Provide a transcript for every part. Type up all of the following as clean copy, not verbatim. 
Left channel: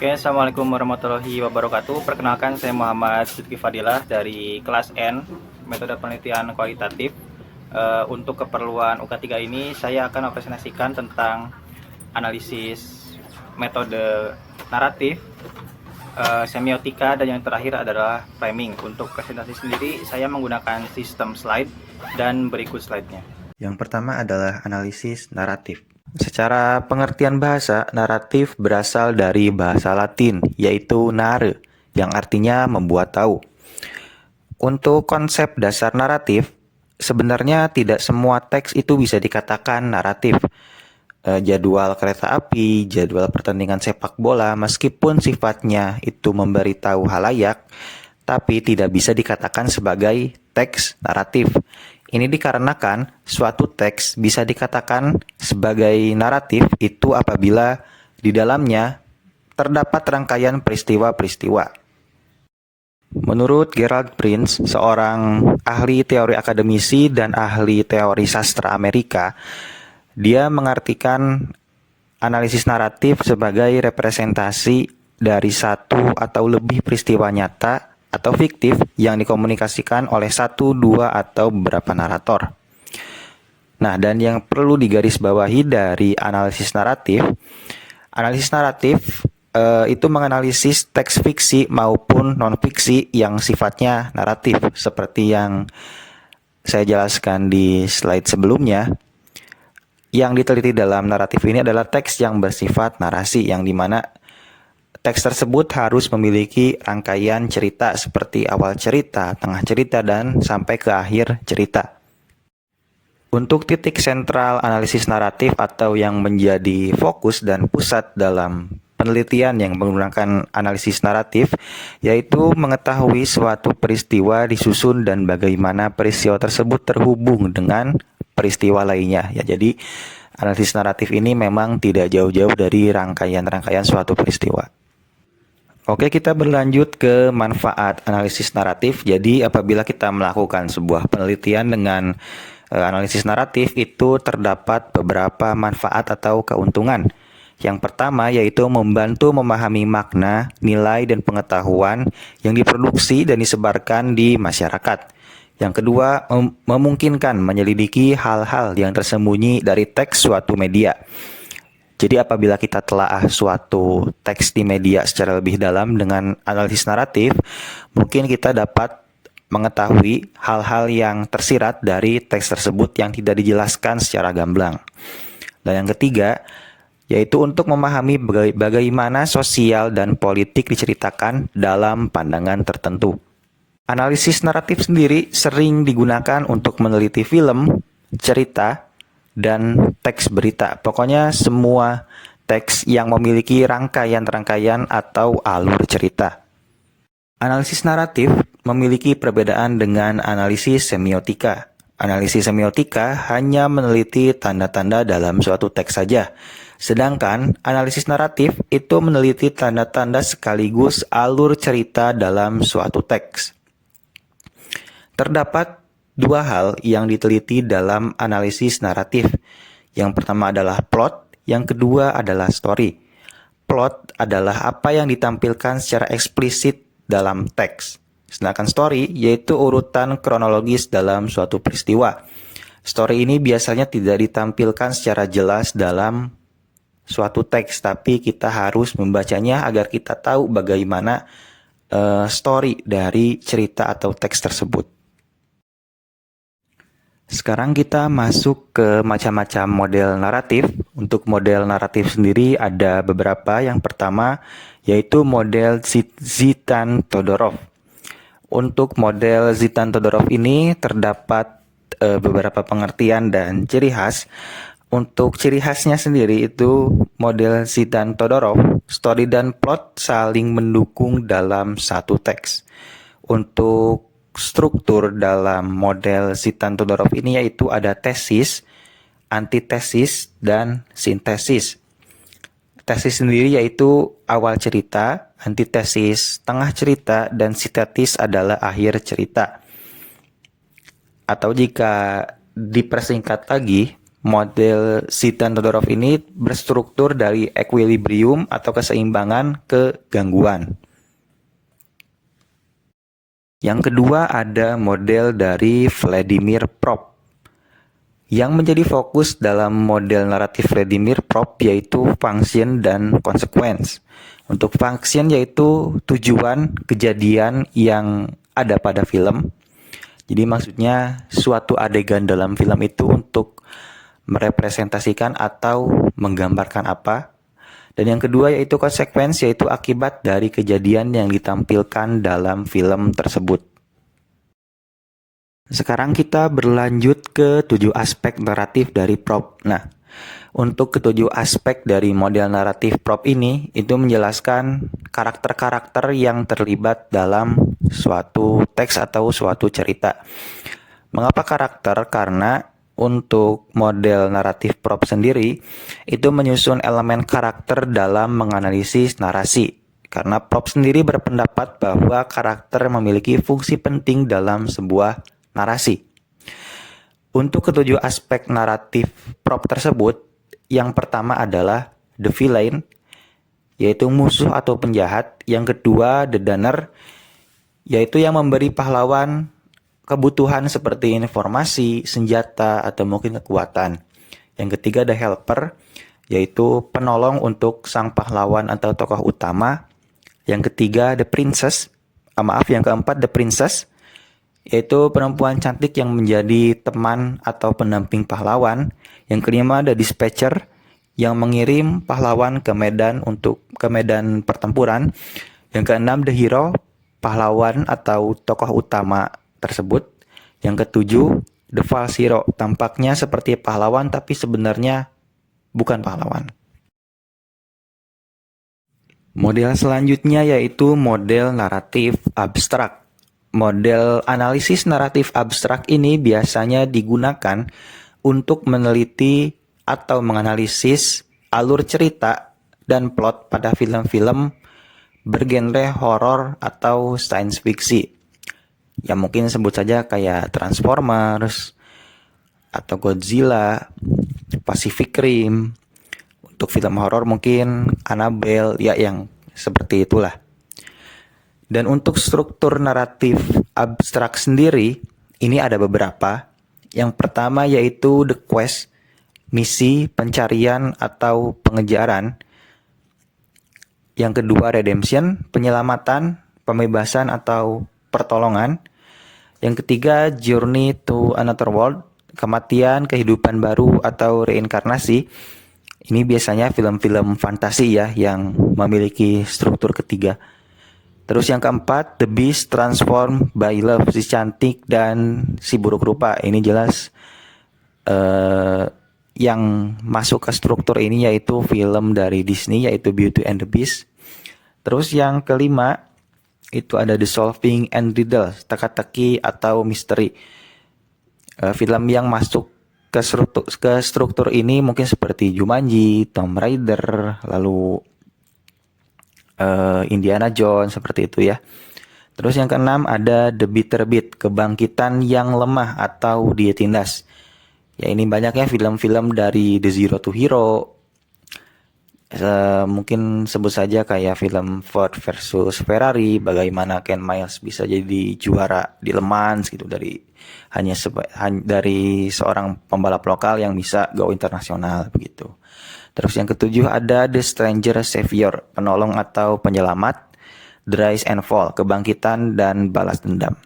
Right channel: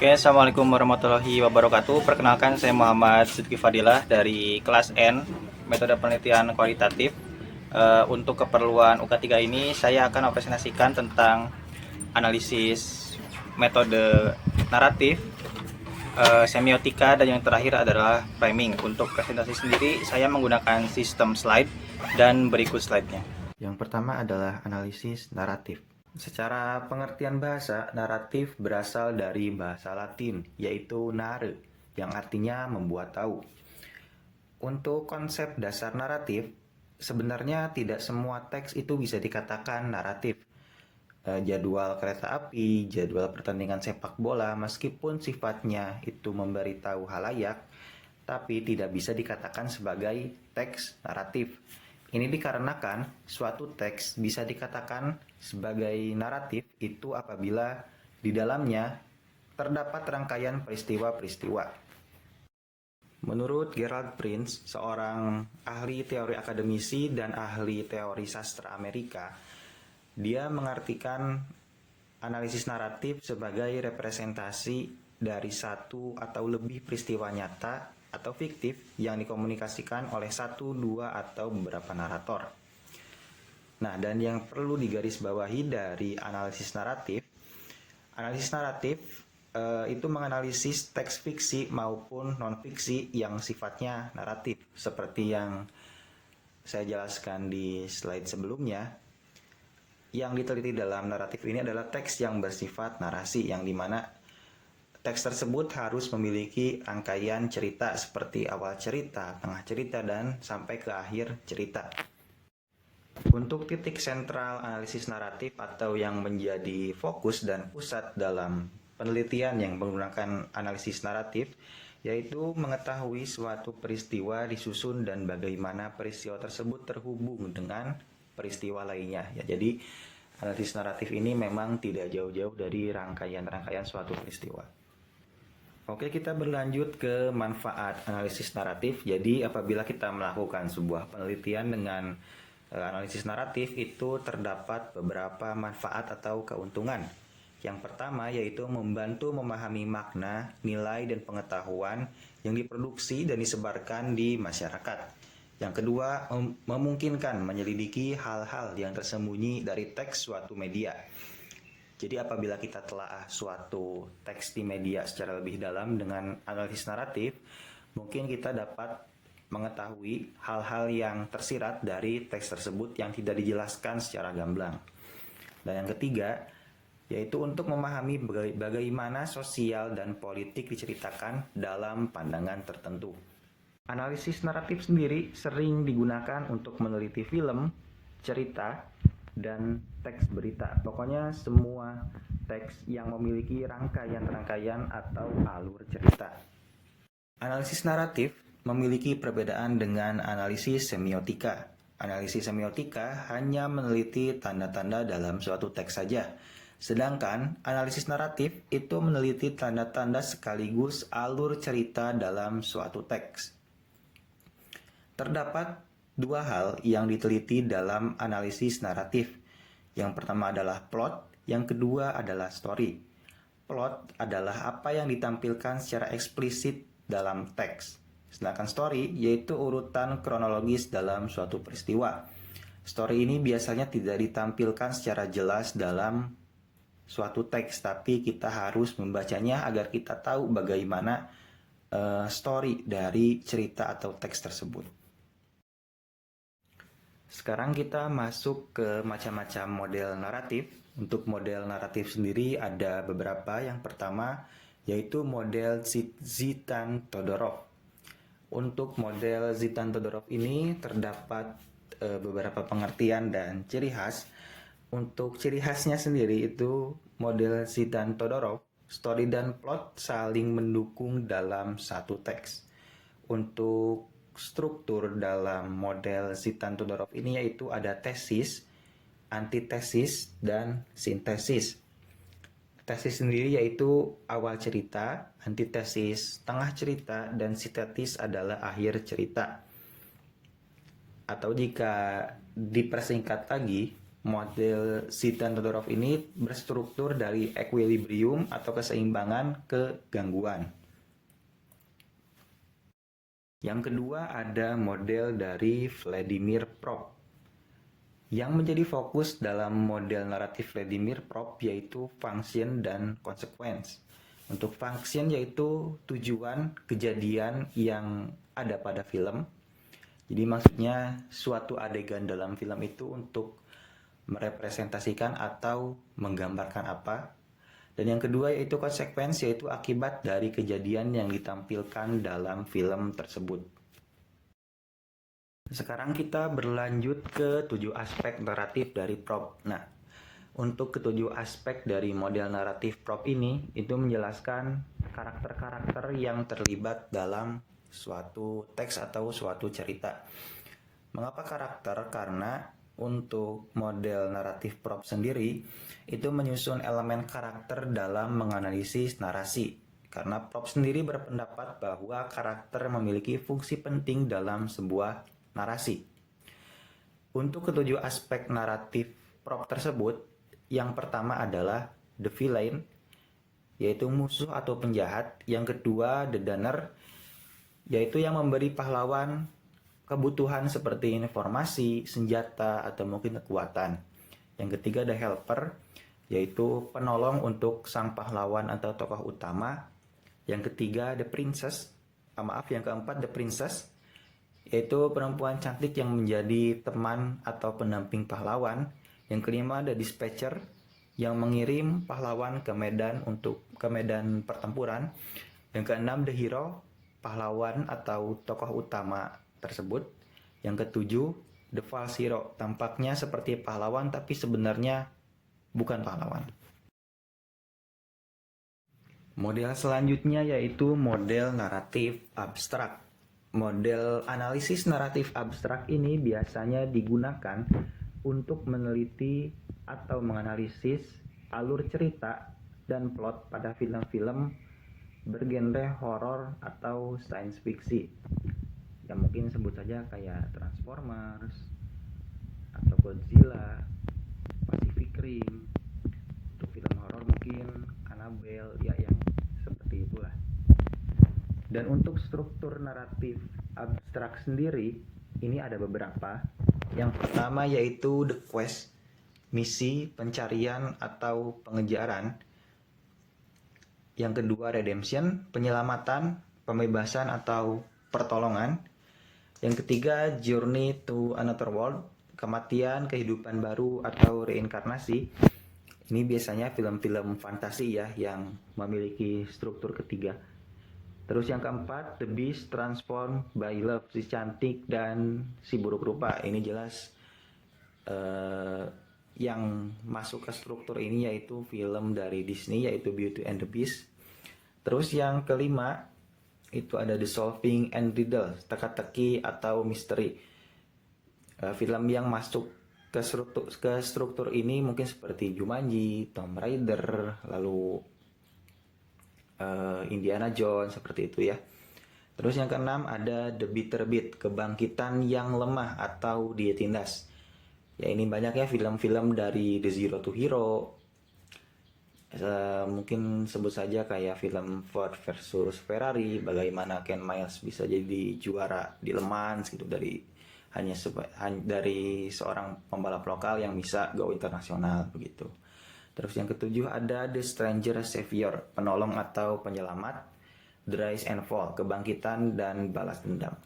Oke, Assalamualaikum warahmatullahi wabarakatuh. Perkenalkan, saya Muhammad Sidki Fadilah dari kelas N, metode penelitian kualitatif. Untuk keperluan UK3 ini, saya akan mempresentasikan tentang analisis metode naratif, semiotika, dan yang terakhir adalah framing. Untuk presentasi sendiri, saya menggunakan sistem slide dan berikut slide-nya. Yang pertama adalah analisis naratif. Secara pengertian bahasa, naratif berasal dari bahasa Latin, yaitu nare, yang artinya membuat tahu. Untuk konsep dasar naratif, sebenarnya tidak semua teks itu bisa dikatakan naratif. Jadwal kereta api, jadwal pertandingan sepak bola, meskipun sifatnya itu memberitahu halayak, tapi tidak bisa dikatakan sebagai teks naratif. Ini dikarenakan suatu teks bisa dikatakan sebagai naratif itu apabila di dalamnya terdapat rangkaian peristiwa-peristiwa. Menurut Gerald Prince, seorang ahli teori akademisi dan ahli teori sastra Amerika, dia mengartikan analisis naratif sebagai representasi dari satu atau lebih peristiwa nyata atau fiktif yang dikomunikasikan oleh satu, dua, atau beberapa narator. Nah, dan yang perlu digarisbawahi dari analisis naratif itu menganalisis teks fiksi maupun non-fiksi yang sifatnya naratif, seperti yang saya jelaskan di slide sebelumnya. Yang diteliti dalam naratif ini adalah teks yang bersifat narasi, yang dimana teks tersebut harus memiliki rangkaian cerita seperti awal cerita, tengah cerita, dan sampai ke akhir cerita. Untuk titik sentral analisis naratif atau yang menjadi fokus dan pusat dalam penelitian yang menggunakan analisis naratif, yaitu mengetahui suatu peristiwa disusun dan bagaimana peristiwa tersebut terhubung dengan peristiwa lainnya. Ya, jadi analisis naratif ini memang tidak jauh-jauh dari rangkaian-rangkaian suatu peristiwa. Oke, kita berlanjut ke manfaat analisis naratif. Jadi apabila kita melakukan sebuah penelitian dengan analisis naratif, itu terdapat beberapa manfaat atau keuntungan. Yang pertama yaitu membantu memahami makna, nilai, dan pengetahuan yang diproduksi dan disebarkan di masyarakat. Yang kedua, memungkinkan menyelidiki hal-hal yang tersembunyi dari teks suatu media. Jadi apabila kita telaah suatu teks di media secara lebih dalam dengan analisis naratif, mungkin kita dapat mengetahui hal-hal yang tersirat dari teks tersebut yang tidak dijelaskan secara gamblang. Dan yang ketiga, yaitu untuk memahami bagaimana sosial dan politik diceritakan dalam pandangan tertentu. Analisis naratif sendiri sering digunakan untuk meneliti film, cerita, dan teks berita. Pokoknya semua teks yang memiliki rangkaian-rangkaian atau alur cerita. Analisis naratif memiliki perbedaan dengan analisis semiotika. Analisis semiotika hanya meneliti tanda-tanda dalam suatu teks saja. Sedangkan analisis naratif itu meneliti tanda-tanda sekaligus alur cerita dalam suatu teks. Terdapat dua hal yang diteliti dalam analisis naratif. Yang pertama adalah plot, yang kedua adalah story. Plot adalah apa yang ditampilkan secara eksplisit dalam teks. Sedangkan story yaitu urutan kronologis dalam suatu peristiwa. Story ini biasanya tidak ditampilkan secara jelas dalam suatu teks, tapi kita harus membacanya agar kita tahu bagaimana story dari cerita atau teks tersebut. Sekarang kita masuk ke macam-macam model naratif. Untuk model naratif sendiri ada beberapa. Yang pertama yaitu model Zitan-Todorov. Untuk model Zitan-Todorov ini terdapat beberapa pengertian dan ciri khas. Untuk ciri khasnya sendiri itu model Zitan-Todorov, story dan plot saling mendukung dalam satu teks. Untuk struktur dalam model Zitan-Todorov ini yaitu ada tesis, antitesis, dan sintesis. Tesis sendiri yaitu awal cerita, antitesis tengah cerita, dan sintesis adalah akhir cerita. Atau jika dipersingkat lagi, model Zidane Todorov ini berstruktur dari equilibrium atau keseimbangan ke gangguan. Yang kedua ada model dari Vladimir Prop. Yang menjadi fokus dalam model naratif Vladimir Prop yaitu function dan consequence. Untuk function yaitu tujuan kejadian yang ada pada film. Jadi maksudnya suatu adegan dalam film itu untuk merepresentasikan atau menggambarkan apa. Dan yang kedua yaitu konsekuensi, yaitu akibat dari kejadian yang ditampilkan dalam film tersebut. Sekarang kita berlanjut ke 7 aspek naratif dari prop. Nah, untuk ketujuh aspek dari model naratif prop ini, itu menjelaskan karakter-karakter yang terlibat dalam suatu teks atau suatu cerita. Mengapa karakter? Karena untuk model naratif prop sendiri, itu menyusun elemen karakter dalam menganalisis narasi. Karena prop sendiri berpendapat bahwa karakter memiliki fungsi penting dalam sebuah narasi. Untuk ketujuh aspek naratif prop tersebut, yang pertama adalah the villain, yaitu musuh atau penjahat. Yang kedua, the donor, yaitu yang memberi pahlawan kebutuhan seperti informasi, senjata, atau mungkin kekuatan. Yang ketiga, the helper, yaitu penolong untuk sang pahlawan atau tokoh utama. Yang ketiga, the princess, yang keempat, the princess, yaitu perempuan cantik yang menjadi teman atau pendamping pahlawan. Yang kelima, the dispatcher, yang mengirim pahlawan ke medan pertempuran. Yang keenam, the hero, pahlawan atau tokoh utama tersebut. Yang ketujuh, the false hero, tampaknya seperti pahlawan tapi sebenarnya bukan pahlawan. Model selanjutnya yaitu model naratif abstrak. Model analisis naratif abstrak ini biasanya digunakan untuk meneliti atau menganalisis alur cerita dan plot pada film-film bergenre horor atau science fiction. Ya mungkin sebut saja kayak Transformers atau Godzilla, Pacific Rim. Untuk film horor mungkin Annabelle, ya yang seperti itulah. Dan untuk struktur naratif abstrak sendiri, ini ada beberapa. Yang pertama yaitu the quest, misi, pencarian atau pengejaran. Yang kedua redemption, penyelamatan, pembebasan atau pertolongan. Yang ketiga, journey to another world, kematian, kehidupan baru atau reinkarnasi. Ini biasanya film-film fantasi ya yang memiliki struktur ketiga. Terus yang keempat, the beast transformed by love, si cantik dan si buruk rupa. Ini jelas yang masuk ke struktur ini yaitu film dari Disney yaitu Beauty and the Beast. Terus yang kelima, itu ada The Solving and Riddle, teka-teki atau misteri. Film yang masuk ke struktur ini mungkin seperti Jumanji, Tomb Raider, lalu Indiana Jones, seperti itu ya. Terus yang keenam ada The Bitter Beat, kebangkitan yang lemah atau dia tindas. Ya ini banyaknya film-film dari The Zero to Hero. Mungkin sebut saja kayak film Ford versus Ferrari, bagaimana Ken Miles bisa jadi juara di Le Mans gitu dari dari seorang pembalap lokal yang bisa go internasional begitu. Terus yang ketujuh ada The Stranger Savior, penolong atau penyelamat. The Rise and Fall, kebangkitan dan balas dendam.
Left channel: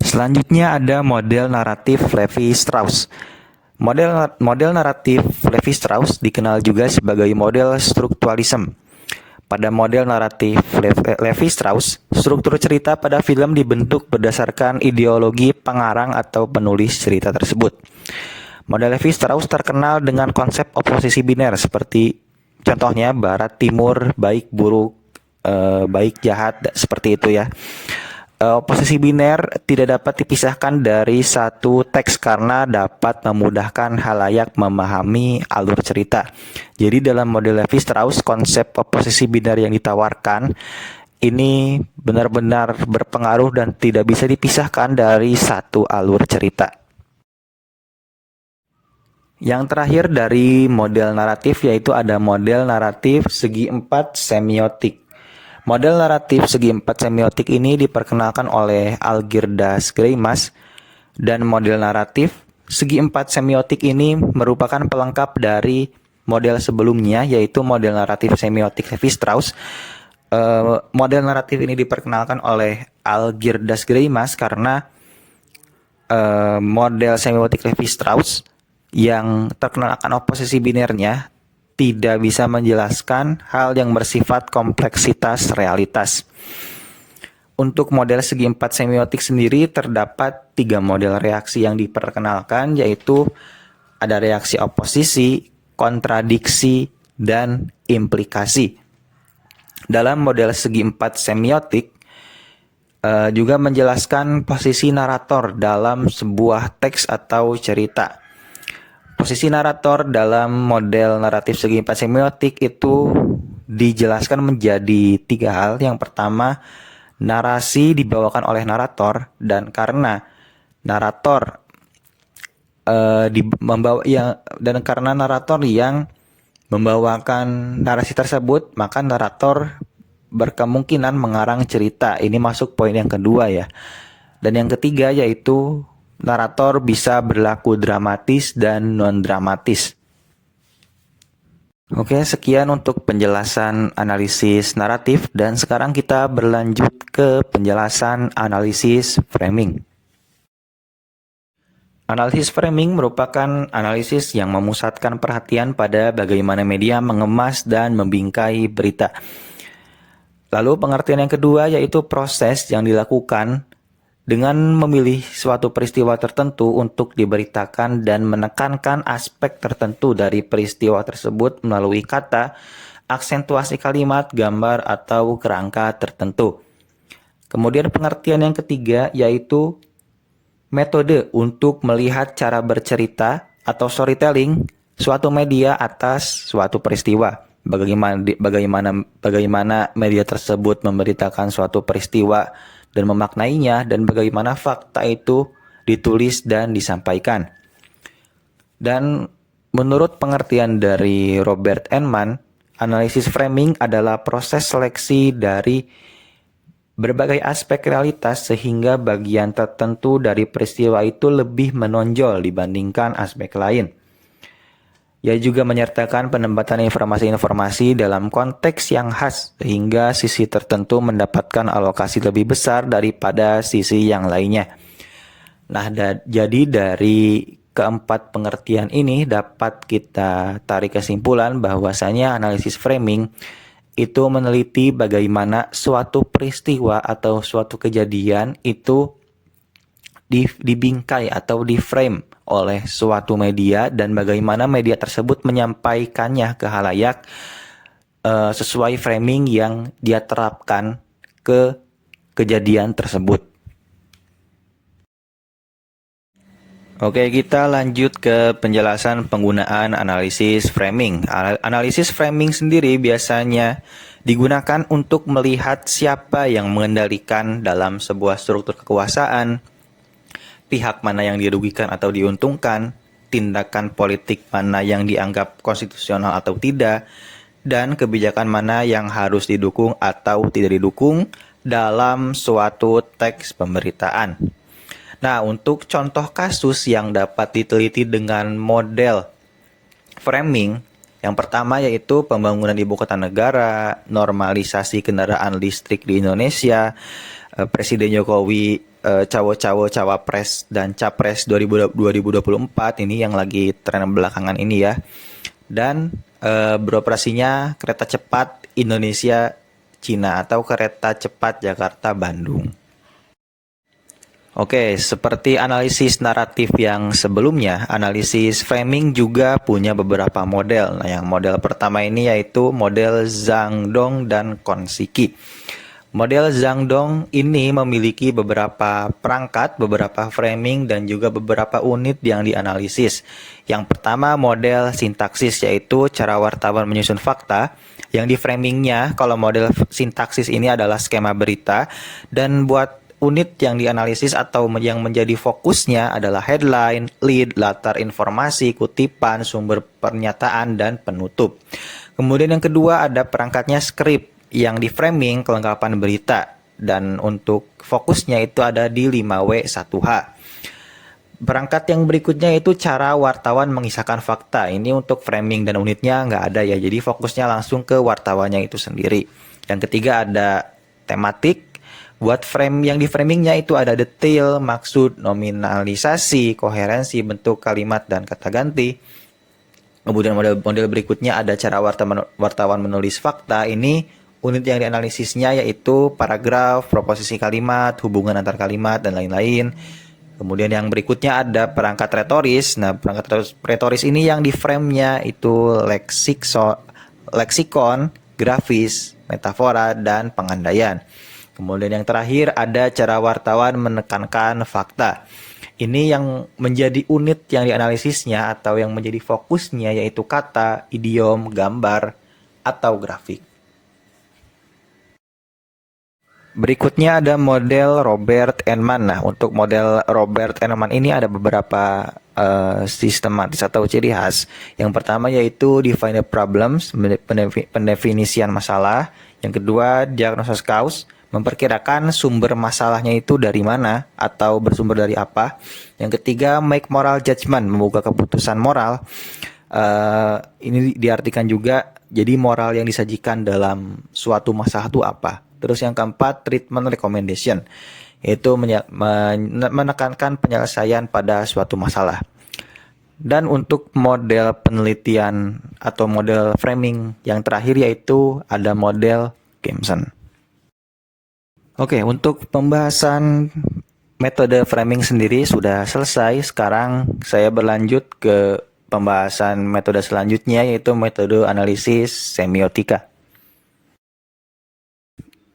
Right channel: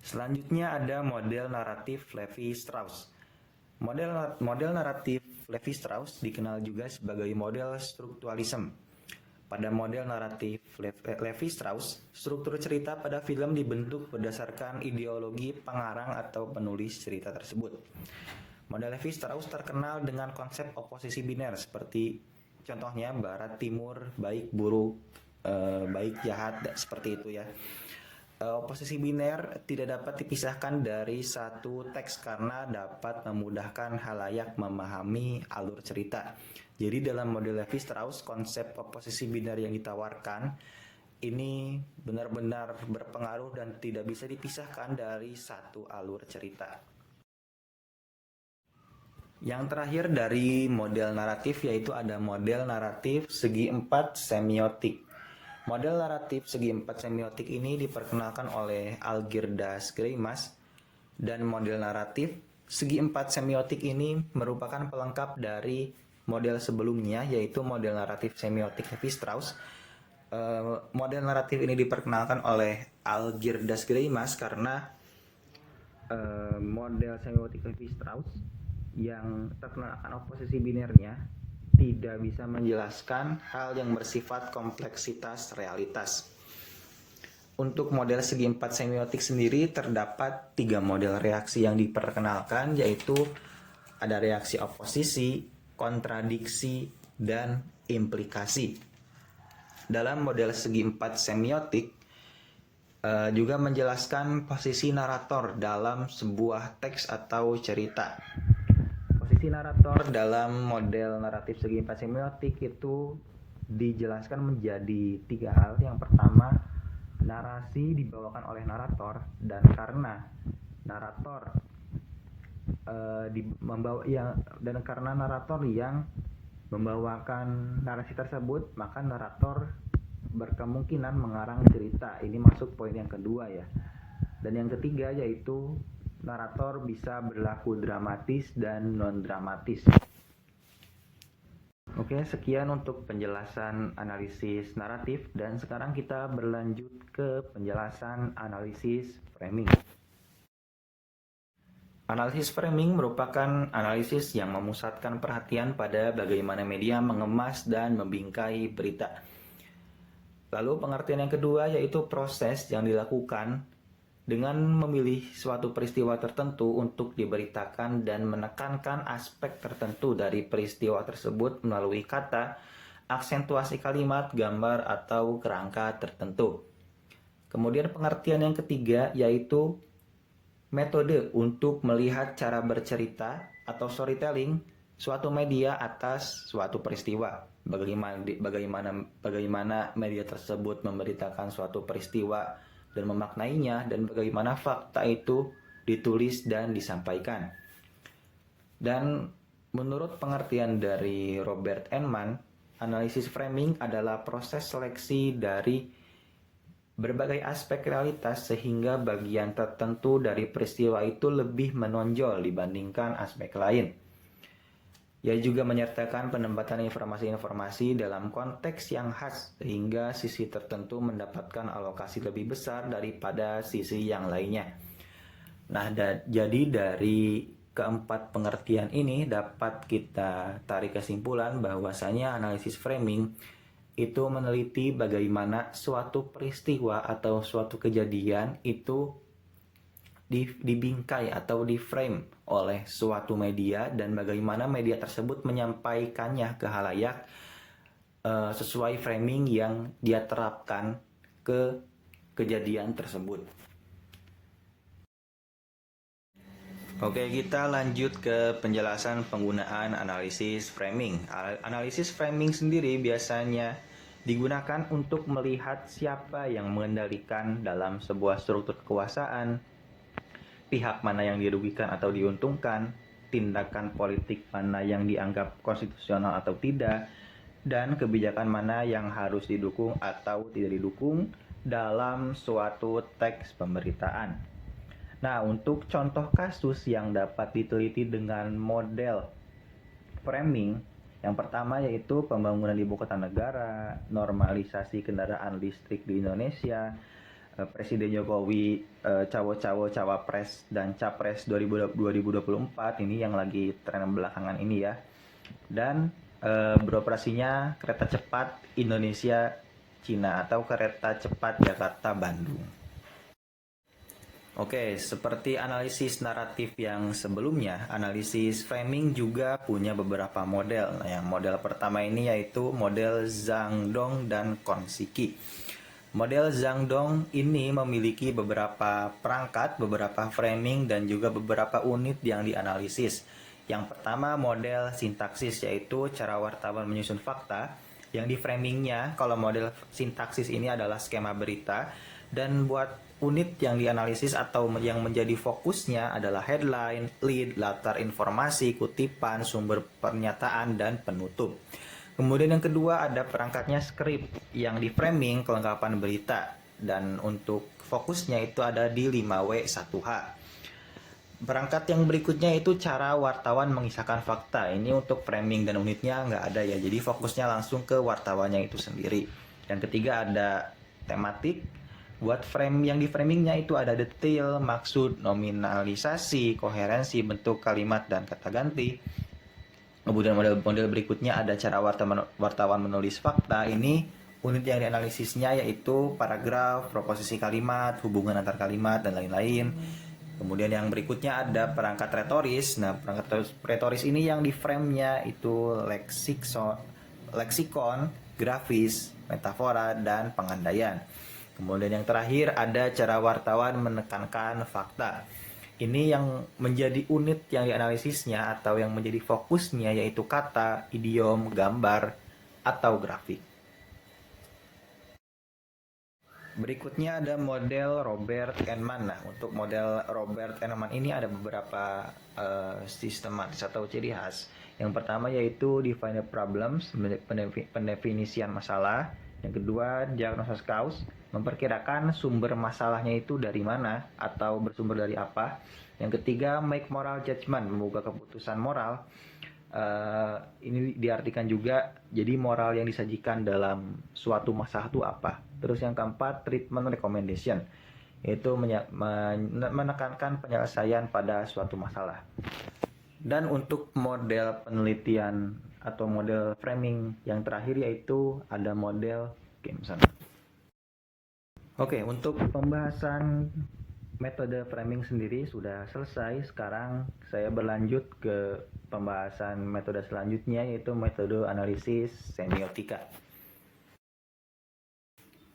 Selanjutnya ada model naratif Levi-Strauss. Model naratif Levi-Strauss dikenal juga sebagai model strukturalisme. Pada model naratif Levi-Strauss, struktur cerita pada film dibentuk berdasarkan ideologi pengarang atau penulis cerita tersebut. Model Levi-Strauss terkenal dengan konsep oposisi biner seperti contohnya barat timur, baik buruk, baik jahat, seperti itu ya. Posisi biner tidak dapat dipisahkan dari satu teks karena dapat memudahkan halayak memahami alur cerita. Jadi dalam model Levi-Strauss, konsep oposisi biner yang ditawarkan ini benar-benar berpengaruh dan tidak bisa dipisahkan dari satu alur cerita. Yang terakhir dari model naratif yaitu ada model naratif segi empat semiotik. Model naratif segi empat semiotik ini diperkenalkan oleh Algirdas Greimas, dan model naratif segi empat semiotik ini merupakan pelengkap dari model sebelumnya yaitu model naratif semiotik Levi-Strauss. Model naratif ini diperkenalkan oleh Algirdas Greimas karena model semiotik Levi-Strauss yang terkenal akan oposisi binernya tidak bisa menjelaskan hal yang bersifat kompleksitas realitas. Untuk model segi empat semiotik sendiri terdapat 3 model reaksi yang diperkenalkan, yaitu ada reaksi oposisi, kontradiksi, dan implikasi. Dalam model segi empat semiotik juga menjelaskan posisi narator dalam sebuah teks atau cerita. Posisi narator dalam model naratif segi empat semiotik itu dijelaskan menjadi 3 hal. Yang pertama, narasi dibawakan oleh narator, dan karena narator karena narator yang membawakan narasi tersebut, maka narator berkemungkinan mengarang cerita. Ini masuk poin yang kedua ya. Dan yang ketiga yaitu narator bisa berlaku dramatis dan non-dramatis. Oke, sekian untuk penjelasan analisis naratif, dan sekarang kita berlanjut ke penjelasan analisis framing. Analisis framing merupakan analisis yang memusatkan perhatian pada bagaimana media mengemas dan membingkai berita. Lalu pengertian yang kedua yaitu proses yang dilakukan dengan memilih suatu peristiwa tertentu untuk diberitakan dan menekankan aspek tertentu dari peristiwa tersebut melalui kata, aksentuasi kalimat, gambar, atau kerangka tertentu. Kemudian pengertian yang ketiga yaitu metode untuk melihat cara bercerita atau storytelling suatu media atas suatu peristiwa. Bagaimana media tersebut memberitakan suatu peristiwa dan memaknainya, dan bagaimana fakta itu ditulis dan disampaikan. Dan menurut pengertian dari Robert Enman, analisis framing adalah proses seleksi dari berbagai aspek realitas sehingga bagian tertentu dari peristiwa itu lebih menonjol dibandingkan aspek lain. Ia juga menyertakan penempatan informasi-informasi dalam konteks yang khas sehingga sisi tertentu mendapatkan alokasi lebih besar daripada sisi yang lainnya. Nah, jadi dari keempat pengertian ini dapat kita tarik kesimpulan bahwasanya analisis framing itu meneliti bagaimana suatu peristiwa atau suatu kejadian itu dibingkai atau diframe oleh suatu media dan bagaimana media tersebut menyampaikannya ke khalayak sesuai framing yang dia terapkan ke kejadian tersebut. Oke, kita lanjut ke penjelasan penggunaan analisis framing. Analisis framing sendiri biasanya digunakan untuk melihat siapa yang mengendalikan dalam sebuah struktur kekuasaan, pihak mana yang dirugikan atau diuntungkan, tindakan politik mana yang dianggap konstitusional atau tidak, dan kebijakan mana yang harus didukung atau tidak didukung dalam suatu teks pemberitaan. Nah, untuk contoh kasus yang dapat diteliti dengan model framing, yang pertama yaitu pembangunan ibu kota negara, normalisasi kendaraan listrik di Indonesia, Presiden Jokowi cawo-cawo cawapres dan capres 2024 ini yang lagi tren belakangan ini ya. Dan beroperasinya kereta cepat Indonesia Cina atau kereta cepat Jakarta Bandung. Oke, seperti analisis naratif yang sebelumnya, analisis framing juga punya beberapa model. Nah, yang model pertama ini yaitu model Zhang Dong dan Konsiki. Model Zhang Dong ini memiliki beberapa perangkat, beberapa framing, dan juga beberapa unit yang dianalisis. Yang pertama model sintaksis, yaitu cara wartawan menyusun fakta. Yang di framingnya, kalau model sintaksis ini adalah skema berita, dan buat unit yang dianalisis atau yang menjadi fokusnya adalah headline, lead, latar informasi, kutipan, sumber pernyataan, dan penutup. Kemudian yang kedua ada perangkatnya script yang di framing kelengkapan berita. Dan untuk fokusnya itu ada di 5W1H. Perangkat yang berikutnya itu cara wartawan mengisahkan fakta. Ini untuk framing dan unitnya nggak ada ya, jadi fokusnya langsung ke wartawannya itu sendiri. Yang ketiga ada tematik. Buat frame yang di framingnya itu ada detail, maksud, nominalisasi, koherensi, bentuk kalimat, dan kata ganti. Kemudian model berikutnya ada cara wartawan menulis fakta. Ini unit yang dianalisisnya yaitu paragraf, proposisi kalimat, hubungan antar kalimat, dan lain-lain. Kemudian yang berikutnya ada perangkat retoris. Nah, perangkat retoris ini yang di frame-nya itu leksikon, grafis, metafora, dan pengandaian. Kemudian yang terakhir ada cara wartawan menekankan fakta. Ini yang menjadi unit yang dianalisisnya atau yang menjadi fokusnya yaitu kata, idiom, gambar, atau grafik. Berikutnya ada model Robert Enman. Nah, untuk model Robert Enman ini ada beberapa sistematis atau ciri khas. Yang pertama yaitu define the problems, pendefinisian masalah. Yang kedua, diagnosis cause, memperkirakan sumber masalahnya itu dari mana atau bersumber dari apa. Yang ketiga, make moral judgment, membuka keputusan moral. Ini diartikan juga jadi moral yang disajikan dalam suatu masalah itu apa. Terus yang keempat, treatment recommendation, yaitu menekankan penyelesaian pada suatu masalah. Dan untuk model penelitian atau model framing yang terakhir yaitu ada model Gamson. Oke, untuk pembahasan metode framing sendiri sudah selesai. Sekarang saya berlanjut ke pembahasan metode selanjutnya yaitu metode analisis semiotika.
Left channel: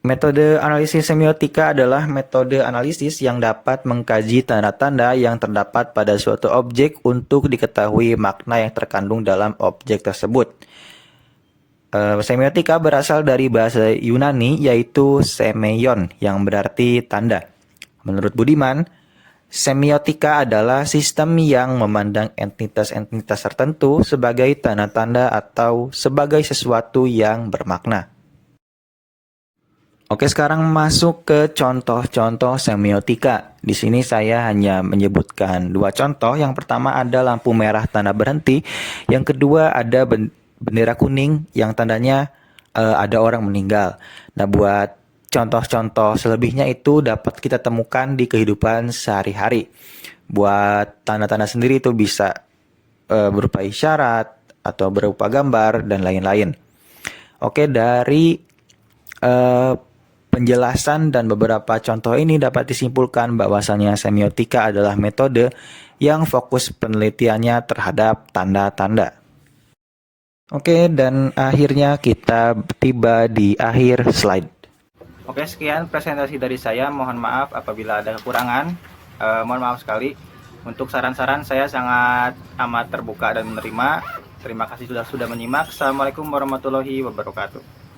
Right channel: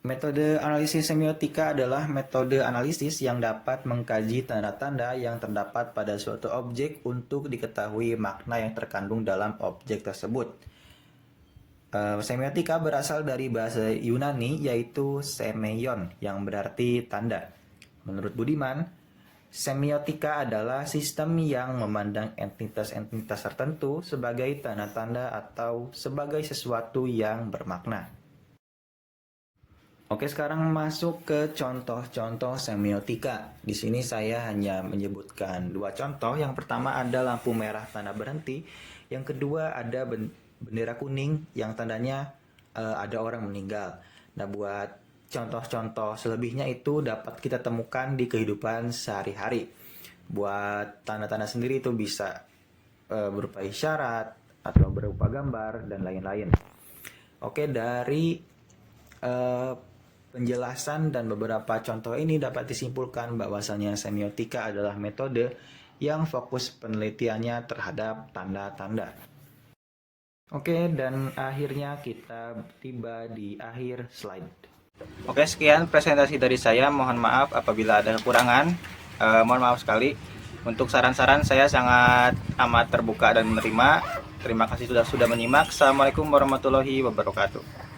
Metode analisis semiotika adalah metode analisis yang dapat mengkaji tanda-tanda yang terdapat pada suatu objek untuk diketahui makna yang terkandung dalam objek tersebut. Semiotika berasal dari bahasa Yunani yaitu semeion yang berarti tanda. Menurut Budiman, semiotika adalah sistem yang memandang entitas-entitas tertentu sebagai tanda-tanda atau sebagai sesuatu yang bermakna. Oke, sekarang masuk ke contoh-contoh semiotika. Di sini saya hanya menyebutkan dua contoh. Yang pertama ada lampu merah tanda berhenti. Yang kedua ada bendera kuning yang tandanya ada orang meninggal. Nah, buat contoh-contoh selebihnya itu dapat kita temukan di kehidupan sehari-hari. Buat tanda-tanda sendiri itu bisa berupa isyarat atau berupa gambar dan lain-lain. Oke, dari penjelasan dan beberapa contoh ini dapat disimpulkan bahwasannya semiotika adalah metode yang fokus penelitiannya terhadap tanda-tanda. Oke, dan akhirnya kita tiba di akhir slide. Oke, sekian presentasi dari saya. Mohon maaf apabila ada kekurangan. Mohon maaf sekali. Untuk saran-saran saya sangat amat terbuka dan menerima. Terima kasih sudah menyimak. Assalamualaikum warahmatullahi wabarakatuh.